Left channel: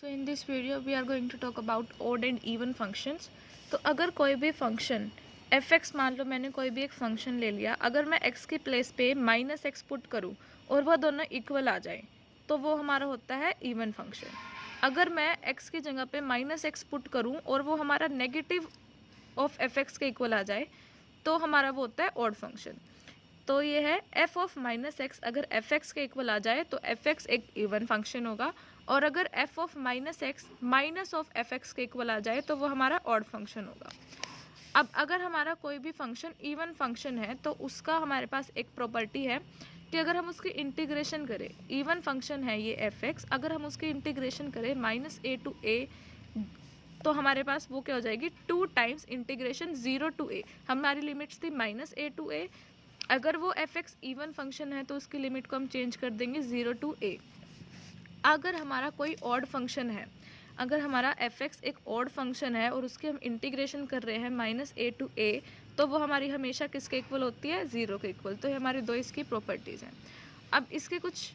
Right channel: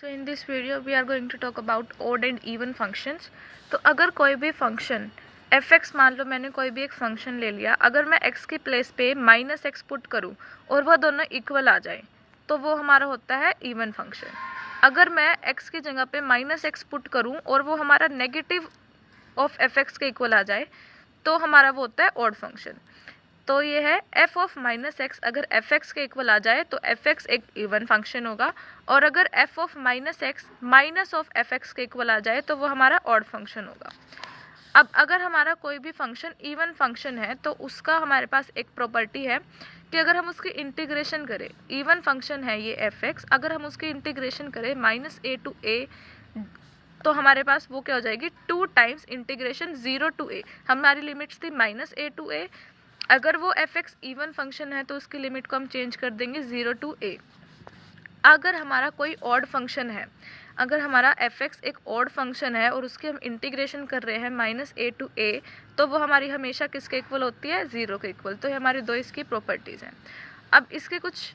So in this video we are going to talk about odd and even functions. तो अगर कोई भी function f(x), मान लो मैंने कोई भी एक फंक्शन ले लिया, अगर मैं x की प्लेस पे -x पुट करूँ और वह दोनों इक्वल आ जाए तो वो हमारा होता है इवन फंक्शन। अगर मैं x की जगह पे -x पुट करूँ और वो हमारा नेगेटिव ऑफ f(x) के इक्वल आ जाए तो हमारा वो होता है ऑड फंक्शन। तो ये है f ऑफ -x, अगर f(x) के इक्वल आ जाए तो f(x) एक इवन फंक्शन होगा, और अगर f of -x minus of f(x) के इक्वल आ जाए तो वो हमारा ऑड फंक्शन होगा। अब अगर हमारा कोई भी फंक्शन इवन फंक्शन है तो उसका हमारे पास एक प्रॉपर्टी है कि अगर हम उसकी इंटीग्रेशन करें, इवन फंक्शन है ये f(x), अगर हम उसकी इंटीग्रेशन करें -a to a तो हमारे पास वो क्या हो जाएगी, 2 टाइम्स इंटीग्रेशन 0 to a। हमारी लिमिट्स थी -a to a, अगर वो f(x) इवन फंक्शन है तो उसकी लिमिट को हम चेंज कर देंगे 0 to a। अगर हमारा कोई ऑड फंक्शन है, अगर हमारा f(x) एक ऑड फंक्शन है और उसकी हम इंटीग्रेशन कर रहे हैं -a to a तो वो हमारी हमेशा किसके इक्वल होती है, 0 के इक्वल। तो ये हमारी दो इसकी प्रॉपर्टीज़ हैं। अब इसके कुछ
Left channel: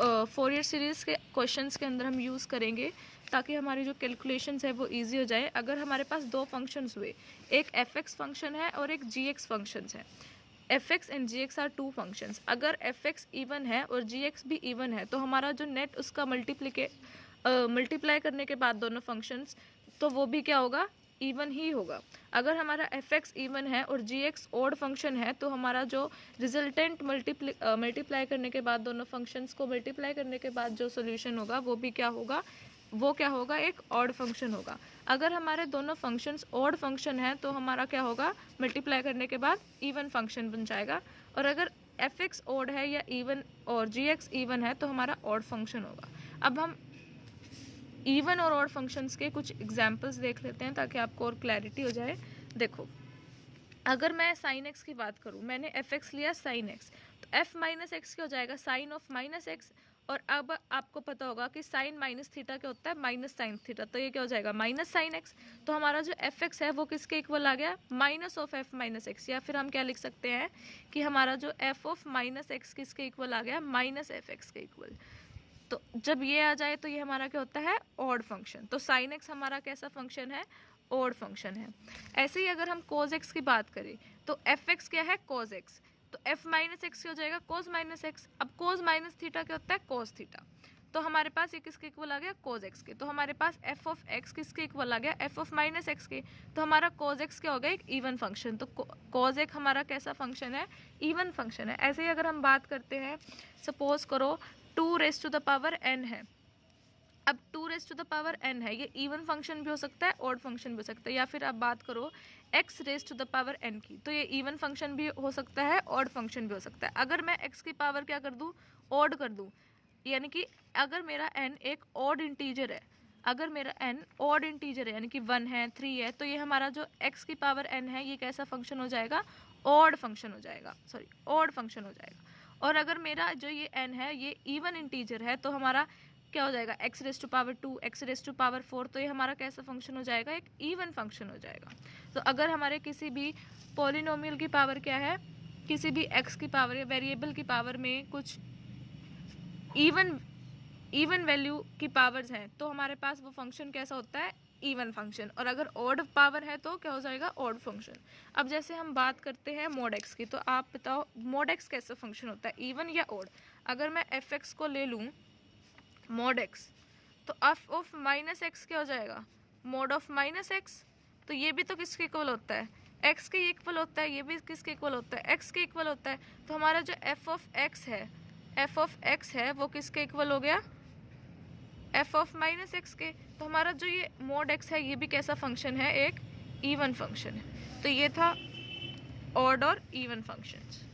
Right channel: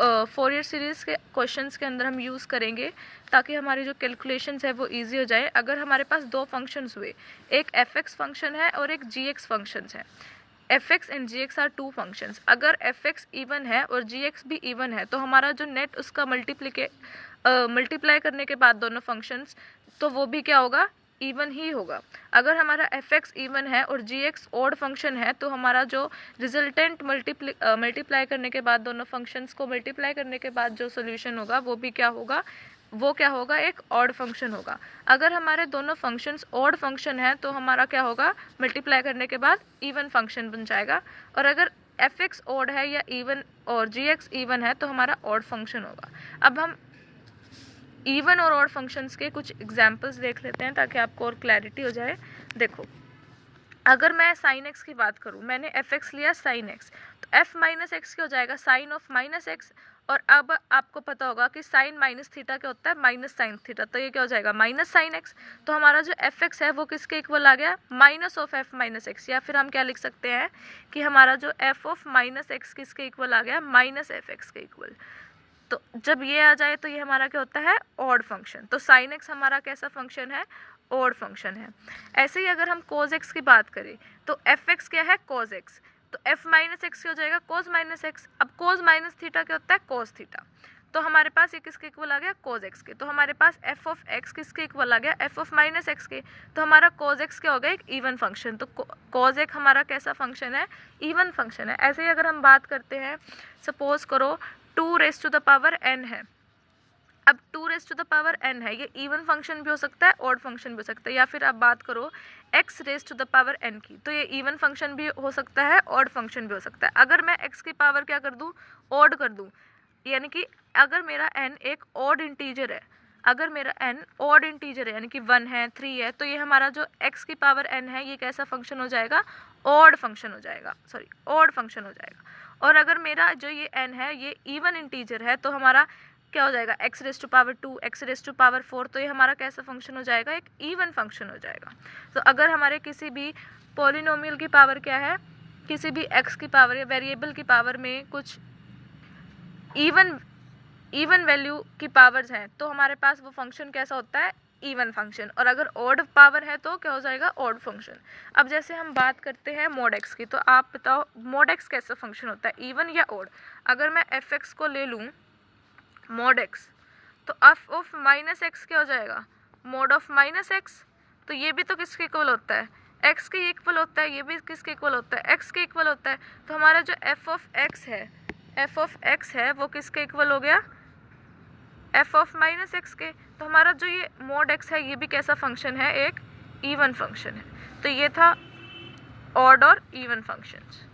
फोरियर सीरीज़ के क्वेश्चंस के अंदर हम यूज़ करेंगे ताकि हमारी जो कैलकुलेशंस है वो इजी हो जाए। अगर हमारे पास दो फंक्शंस हुए, एक f(x) फंक्शन है और एक g(x) फंक्शंस है, f(x) and g(x) are 2 functions. अगर f(x) इवन है और g(x) भी इवन है तो हमारा जो नेट उसका मल्टीप्लाई करने के बाद दोनों फंक्शंस, तो वो भी क्या होगा, इवन ही होगा। अगर हमारा f(x) इवन है और g(x) ऑड फंक्शन है तो हमारा जो रिजल्टेंट मल्टीप्लाई करने के बाद दोनों फंक्शंस को मल्टीप्लाई करने के बाद जो सोल्यूशन होगा वो भी क्या होगा, वो क्या होगा, एक ऑड फंक्शन होगा। अगर हमारे दोनों फंक्शंस ऑड फंक्शन है तो हमारा क्या होगा, मल्टीप्लाई करने के बाद इवन फंक्शन बन जाएगा। और अगर f(x) ऑड है या इवन और g(x) इवन है तो हमारा ऑड फंक्शन होगा। अब हम इवन और ऑड फंक्शंस के कुछ एग्जांपल्स देख लेते हैं ताकि आपको और क्लैरिटी हो जाए। देखो, अगर मैं sin x की बात करूं, मैंने f(x) लिया sin x, तो f -x क्या हो जाएगा, sin ऑफ -x। और अब आपको पता होगा कि साइन माइनस थीटा क्या होता है, माइनस साइन थीटा, तो ये क्या हो जाएगा, माइनस साइन एक्स। तो हमारा जो f(x) है वो किसके इक्वल आ गया, minus of f minus x. या फिर हम क्या लिख सकते हैं कि हमारा जो f ऑफ -x किसके इक्वल आ गया, माइनस f(x) के इक्वल। तो जब ये आ जाए तो ये हमारा क्या होता है, ऑड फंक्शन। तो sin x हमारा कैसा फंक्शन है, ऑड फंक्शन है। ऐसे ही अगर हम cos x की बात करें तो f(x) क्या है, cos x, तो f -x क्या हो जाएगा, cos -x। अब cos माइनस थीटा क्या होता है, cos थीटा। तो हमारे पास ये किसके इक्वल आ गया, cos x के। तो हमारे पास f ऑफ x किसके इक्वल आ गया, f ऑफ -x के। तो हमारा cos x क्या हो गया, एक इवन फंक्शन। तो cos x हमारा कैसा फंक्शन है, इवन फंक्शन है। ऐसे ही अगर हम बात करते हैं, सपोज करो 2n है। अब 2n है, ये इवन फंक्शन भी हो सकता है, ऑड फंक्शन भी हो सकता है। या फिर आप बात करो x(n) की, तो ये इवन फंक्शन भी हो सकता है, ऑड फंक्शन भी हो सकता है। अगर मैं x की पावर क्या कर दूं, ऑड कर दूं, यानी कि अगर मेरा n एक ऑड इंटीजर है, अगर मेरा n ऑड इंटीजर है यानी कि 1 है, 3 है, तो ये हमारा जो x की पावर n है ये कैसा फंक्शन हो जाएगा, ऑड फंक्शन हो जाएगा, ऑड फंक्शन हो जाएगा। और अगर मेरा जो ये n है ये इवन इंटीजर है तो हमारा क्या हो जाएगा, x⁻², x⁻⁴, तो ये हमारा कैसा फंक्शन हो जाएगा, एक इवन फंक्शन हो जाएगा। तो अगर हमारे किसी भी पॉलिनोमियल की पावर क्या है, किसी भी x की पावर या वेरिएबल की पावर में कुछ इवन वैल्यू की पावर्स हैं तो हमारे पास वो फंक्शन कैसा होता है, इवन फंक्शन। और अगर ऑड पावर है तो क्या हो जाएगा, ऑड फंक्शन। अब जैसे हम बात करते हैं mod x की, तो आप बताओ mod x कैसा फंक्शन होता है, इवन या ऑड। अगर मैं f(x) को ले लूँ mod x, तो f ऑफ -x क्या हो जाएगा, mod ऑफ -x। तो ये भी तो किसके इक्वल होता है, x के इक्वल होता है, ये भी किसके इक्वल होता है, x के इक्वल होता है। तो हमारा जो f ऑफ x है वो किसके इक्वल हो गया, f ऑफ -x के। तो हमारा जो ये mod x है ये भी कैसा फंक्शन है, एक इवन फंक्शन है। तो ये था ऑड और इवन फंक्शंस।